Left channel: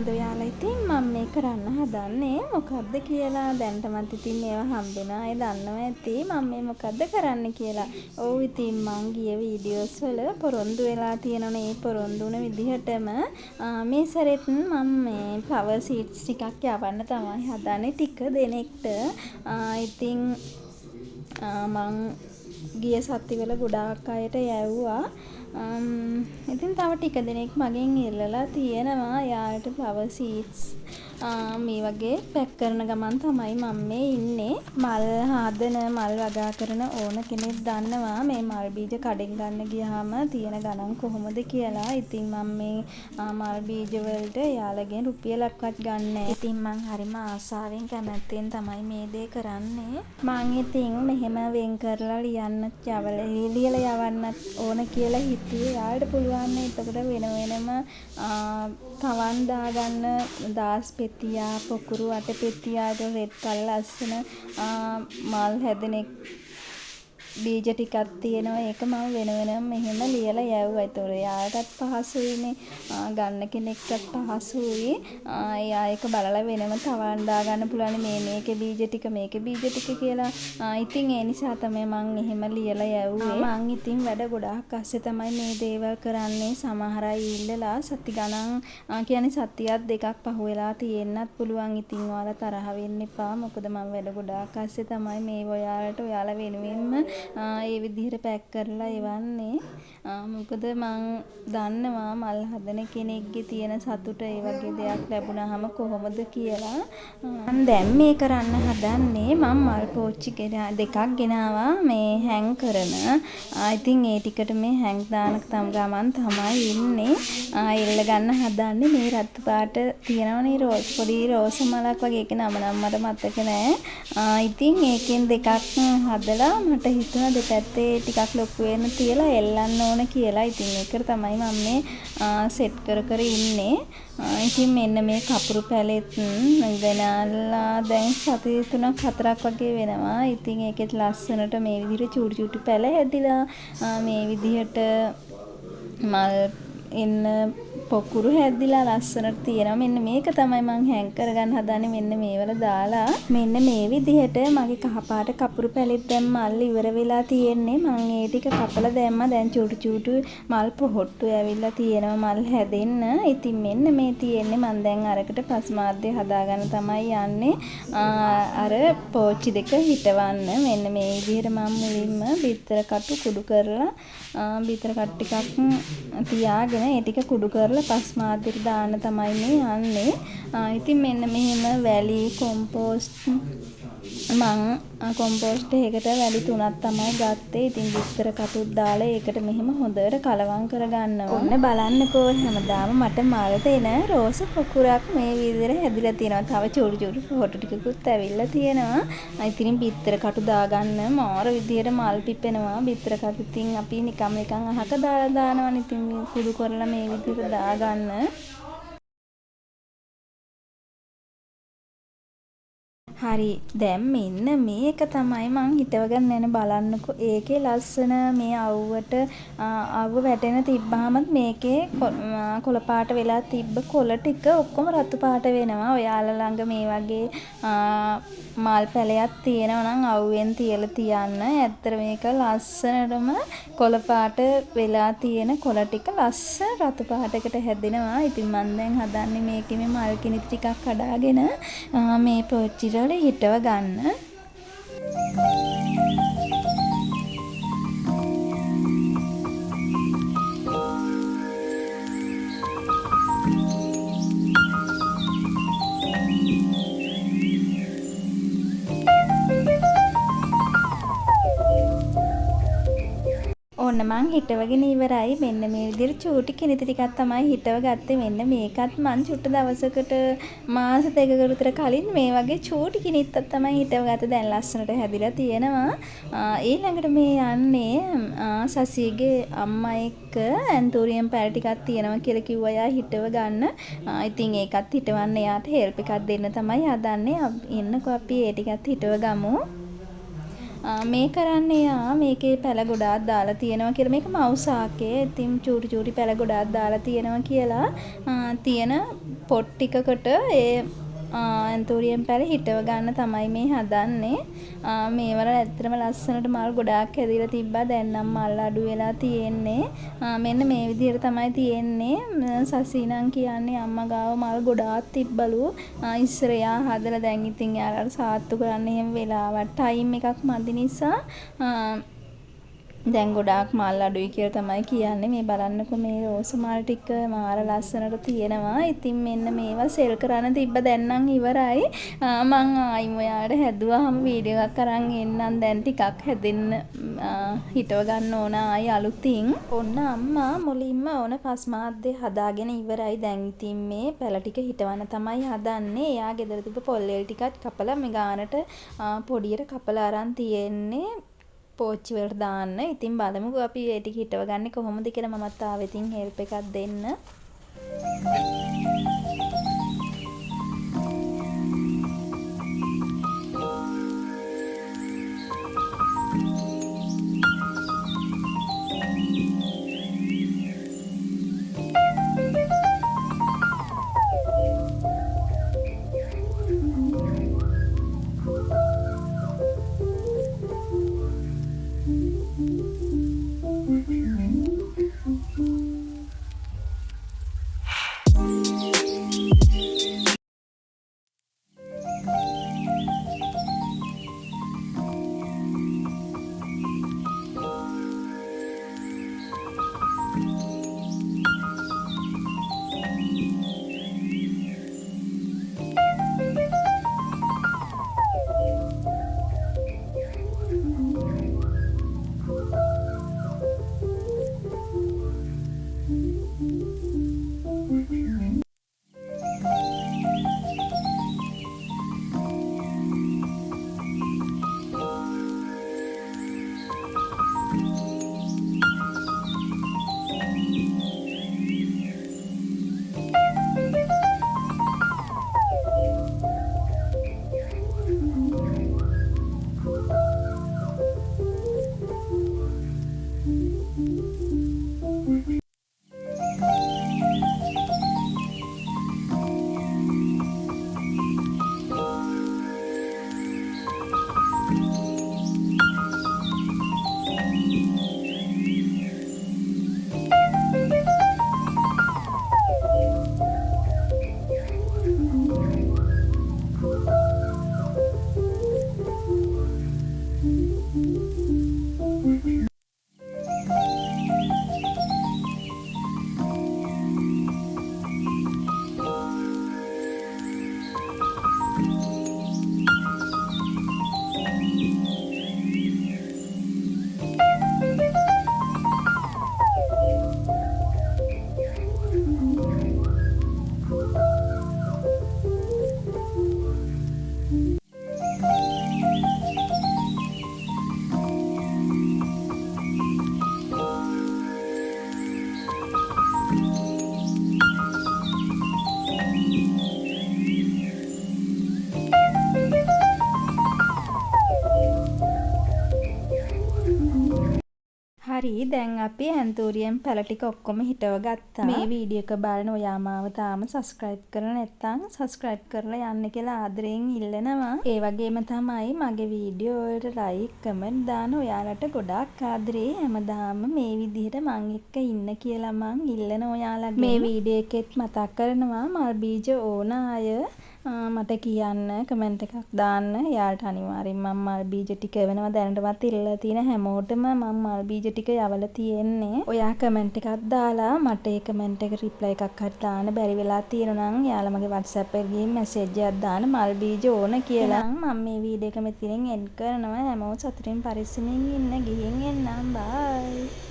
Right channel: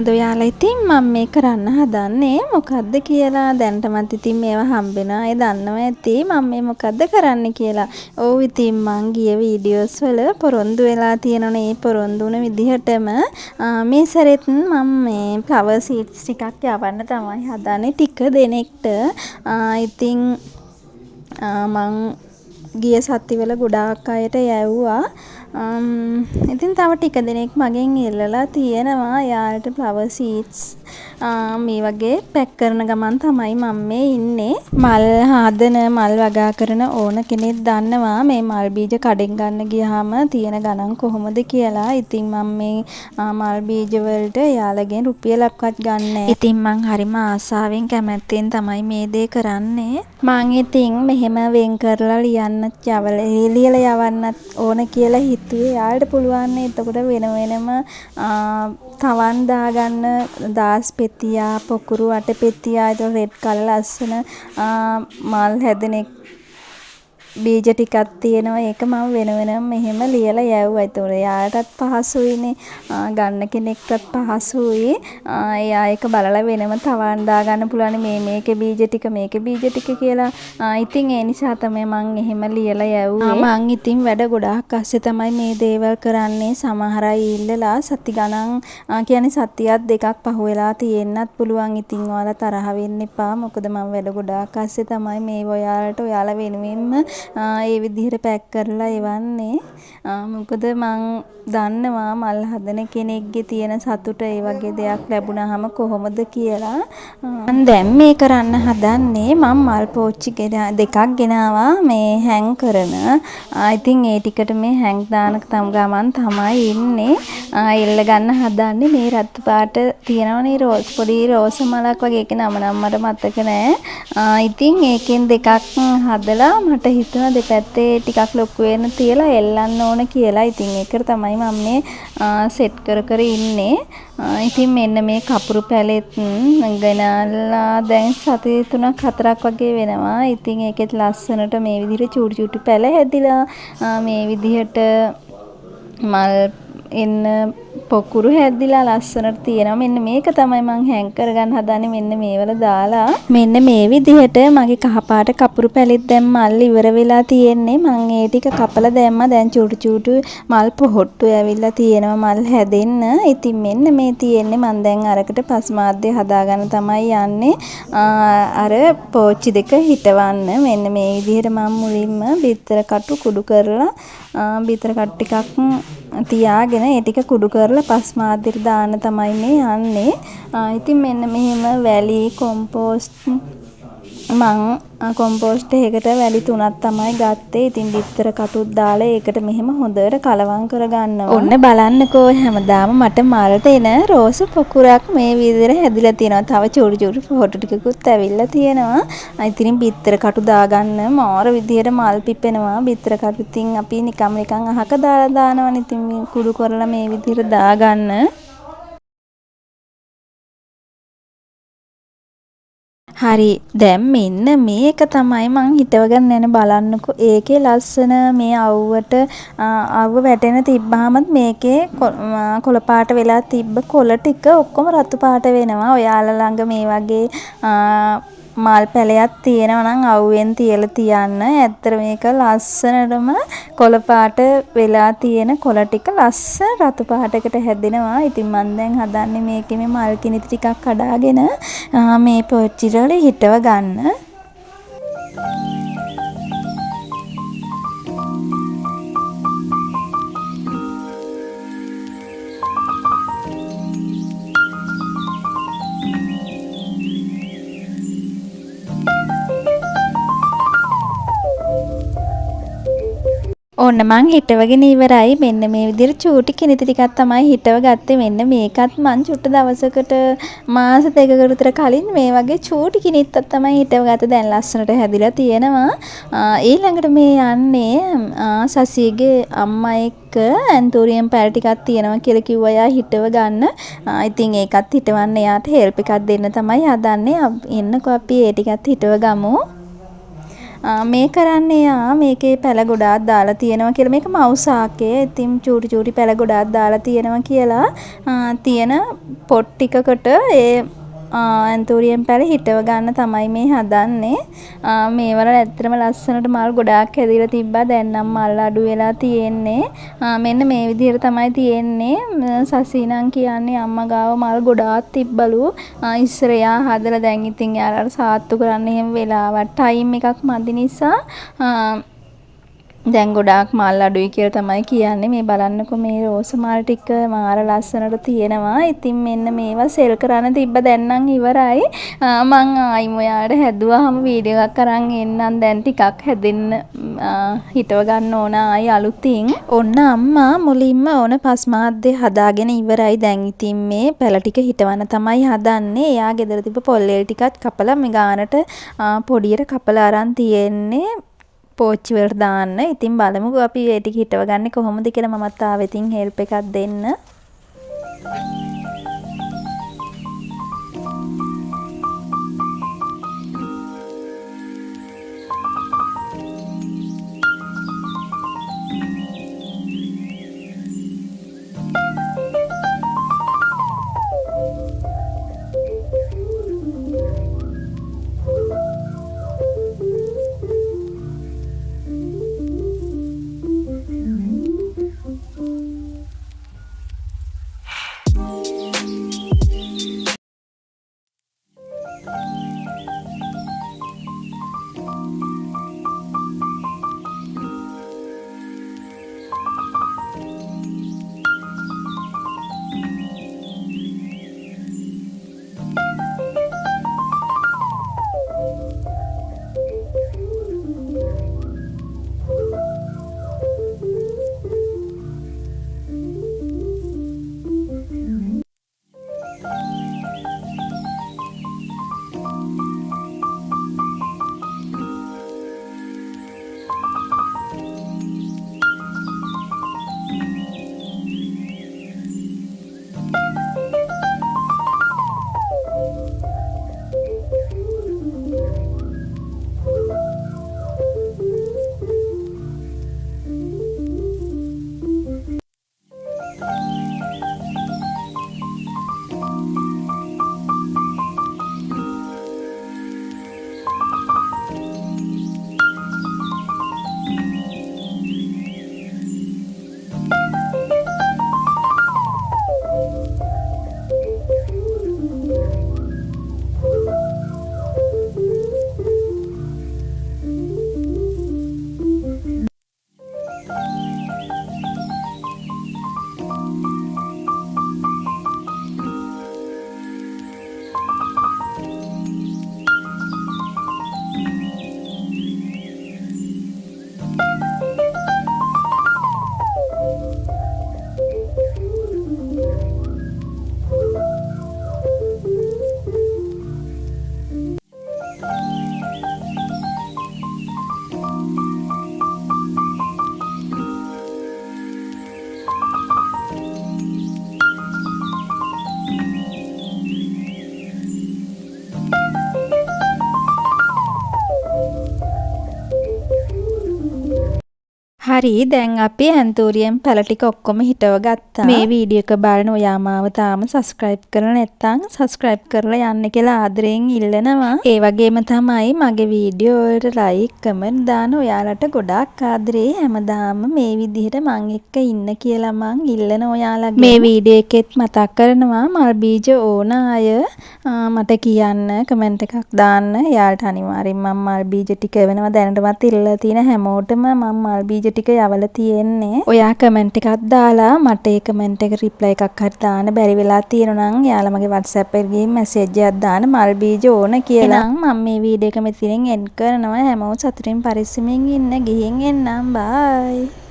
අද ඔයාලා ඉතින් මම මේ කරන්න හදන්නේ මොකද්ද කියලා දැනටමත් ඉතින් මේවා හම්බෙනවා. ඒ දන්නවා ඇති මම මේ මොකද්ද කරන්න කියලා. ඔව් ඉතින් මං ගිය වීඩියෝස් වල පොරොන්දු වෙලා තියෙනවනේ. ඒ පොරොන්දු වුණ විදිහටම මේ සැරෙත් මම මේ ෆ්ලවර් සීඩ්ස් ටිකක් යවන්න තමයි හදන්නේ ටික දෙනෙක්ට. ඉතින් මං ගිය සතිවල ගොඩාක් අයට යැව්වා. ඉතින් තව ටික දෙනෙක් මගෙන් ඉල්ලලා තියෙනවා යාළුවට ෆ්ලවර් සීඩ්ස් මේ වගේ පැක් කරන ගමන් තමයි මම මේ ඉන්නේ. මල් හදන මල් වගා කරන ඕන කෙනෙක් දන්නවා මේ මල් බීජ කඩෙන් ගන්න ගියාම තියෙන ගණන් කොහොමද කියලා. ඉතින් මම මේ මල් බීජ වලට යාළගෙන් රුපියලක්වත් ගන්නෑ. ඉතින් මං හරිම ආසාවෙන් කැමැත්තෙන් තමයි මේ දේ කරන්නේ. මං ඉතින් මෙහෙම වෙන් කරලා ලියලා යවන්නත් ඕන කියලා හිතුවේ. යාළුවට පුළුවන් නේ එතකොට වෙන වෙනම තවන් දාගන්න දාස් පෙතියා පොකුරු අට පෙතියා ඒක රෙඩ් කලර් ලස්සන මල් හැදෙන බීජ ටිකක් තියෙනවා. ඒක මම වෙන වෙනම මෙහෙම ලියලා යවුවා. ඒතකොට එයාටත් පහසුයිනේ. ගන්න කෙනෙක්ටත් පහසුයි. එයා ඒක බලලා වෙනම තවන් දාගන්න පුළුවන් මේකේ බීජ ටික මේකේ බීජ ටික කියලා. ඉතින් ඒ නිසා තමයි මම එහෙම ලියලා යවුවේ. මම ඉතින් වැඩ ගොඩාක් අස්සේ තමයි මේ දේවල් කරන්නේ. සමහර අය ඉල්ලලා සති ගණන් කියන්නේ සතියක් දෙකක් පහු වෙලා තියෙන්නත් පුළුවන්. ඉතින් ඔයාලා තරහ වෙන්න එපා. මොකද මම වැඩ ගොඩාක් අස්සේ තමයි මේ ඔයාලා වෙනුවෙන්ම ඒ විදිහට පැක් කරලා එවන්නේ. මොකද මං දන්නවා මල් හදන කෙනෙක්ගේ තියෙන සතුට ඒ වගේ දෙයක් ලැබුණාම කොහොමද කියලා. මම දැන් මේ කරන්න හදන්නේ මම මල් පෝච්චි දෙකක් ගෙනාවා මේ හැං කරන. ඉතින් ඒ ටිකට මේ හැං දාන ගමන් තමයි ඉන්නේ. එල්ල ගන්න හදන්නේ මේ රතු පාට තියෙනවනේ පොඩි රෝස මලක් වගේ. ඒක නම මට මතක නෑ. ඉතින් ඒකෙන් දෙකක් හදලා මට හිතුණා දෙපැත්තේ ටිකක් ලොකු වෙන තියලා එල්ලන්න ඕන කියලා. ඉතින් ඒකට තමයි මම මේ සෙට් කර ඉන්නේ. ඉතින් මෙන්න මේ කපුරු පැලෙත් ගෙනල්ලා දැන් සති 3ක් 4ක් වගේ වෙනවා. ඉතින් ඒකෙත් ලස්සනට මේ විදිහට චූටි පැල හැදිලා මේ විදිහට මල් එන්න පොකුරු හැදිලා ලස්සනට තියෙනවා. මෙන්න මේක තමයි මං හැං කරගන්න හදන්නේ. මෙන්න මේවල දාලා මෙන්න මේ විදිහට මගේ කහපාට කපුරු පැලෙත් දැන් මල් ඉවර වෙලා තියෙන්නේ. මං ඒ ටික කපලා දැම්මා. දැන් චූටි මල් පොහොට්ටු ඇවිල්ලා තියෙනවා මල් හැදෙන්න. ඉතින් මෙන්න මේ තියෙන්නේ මං දැන් අරකට පස්මාද්දේ හදාගන්න තමයි යන්නේ. අර පෝච්චි දෙක හිටවන්න. මෙන්න මේ විදිහට මම මුලින්ම බිත්තර කටු කුඩු කරලා බිත්තර කටු ටිකක් තියාගෙන ඒ ටික කුඩු කරලා පස්මාද්දෙට දාන්න තමයි මේ යන්නේ. ඉතින් මෙන්න මෙහෙම වැලි කොම්පෝස්ට් මං කොම්පෝස්ට් එකකට වැලි 3ක් තමයි ගත්තේ. ඉතින් බිත්තර කටුත් දාලා ඒකට මෙහෙම හොඳට කලවම් කරගන්නවා. ඔන්න බලන්නකෝ හැමදාම මට මල්ට එන රෝස පොකුරක් මේ විදිහට හැදිලා තියෙනවා. තව චූටි පොහොටු ටිකකුත් ඇවිල්ලා තියෙනවා. ඉතින් බිත්තර කටු දාගන්න මාර විදිහට මල් පිපෙනවා. බිත්තර කටු ඉතින් අපි නිකම් අහක දාලා දානවනේ. ඉතින් කුඩු කරලා මේ විදිහට දාගන්න. හරි දැන් මෙන්න මේක තමයි මං හිතවගෙන යන බලන්නකෝ. ඒකේ ලස්සන මේ අවුව වැටෙන තිබ්බහමත් මේකේ කොළ පාට වෙලා තිබ්බ කොළ ටික ඔක්කොම රතු පාට වෙනවා. ඔයාලා ළඟ මේ වගේ මල් පැලයක් තියෙනවා නම් අවුවෙන් තියලා තියන්න. ඇත්තට මේක ලස්සනටම කොළ පාට වෙලා තියෙන කොළ ටික ලස්සන රතු පාටකට හැදෙනවා. ඉතින් මම දැන් හදන්නේ මේකේ මේ මල් කිනිති ටිකක් කඩාගෙන මේ පෝච්චි වල හිටව ගන්න. ඔන්න මං හිටවගෙන ඉවරයි. මෙන්න මේ විදිහට චූටි කිනිති ටිකක් තමයි හිටව ගත්තේ. මෙන්න මේකත් මං චුට්ට දවසකට මාස 2කට විතර කලින් මේ වගේ චූටි කිනිත්තක් තමයි හිටව ගත්තේ. දැන් ලස්සනට හැදිලා තියෙනවා. ඊළඟට මේ යන්නේ සසියගේ අම්මා එක්ක ඇන්තෝරියම් පැල ටිකක් තියෙනවා කියලා කිව්වා එයා හිටව ගන්න. ඉතින් ඒකත් හිටවන්න එයාට හෙල්ප් එකක් දෙන්න තමයි හදන්නේ. එන්නකෝ අපි ඒ ටිකත් හිටව ගමු. මේ කරන්නේ මේකේ පැල ගොඩාක් දාලා තියෙනවා කියලා. මේක මවුසාකේ. ඉතින් චූටි පැල ගොඩාක් දාලා තියෙනවා කියලා තියෙන පොට් ටිකකට ඒ ඇන්තූරියම් පැල හිටව ගන්න තමයි මේ හදන්නේ. මේවල ඇත්තටම ලස්සනට මල් ගොඩාක් හැදිලා තිබ්බා. දැන් නම් මල් අඩු වෙලා තියෙන්නේ. මෙන්න මේ විදිහට තමයි තියෙන්නේ. සසීනං කියන්නේ අම්මා ගාව මල් ගොඩාක් තිබ්බලු. ඉස්සර එයා හදලා දැන් ඉතින් යාළුවාට සාත්තු කරන්න එහෙම වෙලාවක් ටයිම් එකක් මදි නිසා දැන් ගොඩාක් මල් අඩුයි කියලා තමයි කියන්නේ. මේ බලන්නකො මේ රෝස මල් ටික මාර ලස්සනට තියෙනවා. ඉතින් මෙන්න මේවා සෙල් කරන්න තිබ්බ දැන් නම් ඉවරයි. මං ආයිම ඔයාලට හැදුවාම වීඩියෝ එකක් අරන් එන්නම්. දැන් ටිකක් හැදෙන්න හිටව ගන්න ඕන ආයි අලුතින්. ඔන්න අම්මා මුලින්ම ඕන පස්මාද්දේ හදාගෙන ඉවරයි. දැන් ඉතින් මේ පැල ටික හිටවන්න තමයි හදන්නේ. එයා ගෙදර තිබ්බ පොල්ලෙල් ටිකත් කපලා මේ ගානට පොඩියට කපලා අරන් තියෙන්නේ. පෝච්චි වලට දාන්න. ඉතින් බලමුකෝ අපි ඒ ටික හිටව ගන්නේ කොහොමද කියලා. මමත් ආවෙ ඉතින් හෙල්ප් එකක් දෙන්න. හරි දැන් අපි ඇන්තූරියම් පැල ටික ඔක්කොම හිටව ගත්තා. මේ වීඩියෝ එක බලන ඔයා මාව තාම සබ්ස්ක්‍රයිබ් කරලා නැත්නම් සබ්ස්ක්‍රයිබ් කරලා යන්න කියලා ආදරයෙන් ඉල්ලනවා. ඒ වගේම තමයි මගේ වීඩියෝ වලට ලයික් කමෙන්ට් දාන ඔයාලට ගොඩාක් ආදරේ. හැමදාම මේ විදිහට මං එක්ක ඉන්න කියලා මං ඉල්ලන ඔයාලගේ. මේ වීඩියෝ එකෙත් මතක් කරනවා මල් බීජ ඕන අය මට කියන්න කමෙන්ට් එකක් දාන්න. එයාලට අනිවාර්යෙන් මම මල් බීජ ටික වෙනවා දැනටමත් ඉල්ලලා තියෙන හැමෝටම මම මල් බීජ ටික යවලා තියෙන්නේ. ඔයා කමෙන්ට් එකක් දාලා මට ඒ කමෙන්ට් එක රිප්ලයි එකක් හරි දාන්න බැරි වෙලා තියෙනවා නම් එයාලා මගේ WhatsApp එකේ ගිහින් මැසේජ් එකක් දාන්න මල් බීජ ඕන කියලා. මම මේ වීඩියෝ එක මෙතනින් එන්ඩ් කරනවා. හැමෝම සතුටින් පරිස්සමින් ඉන්න. ගිහින් එන්නම්. බයි.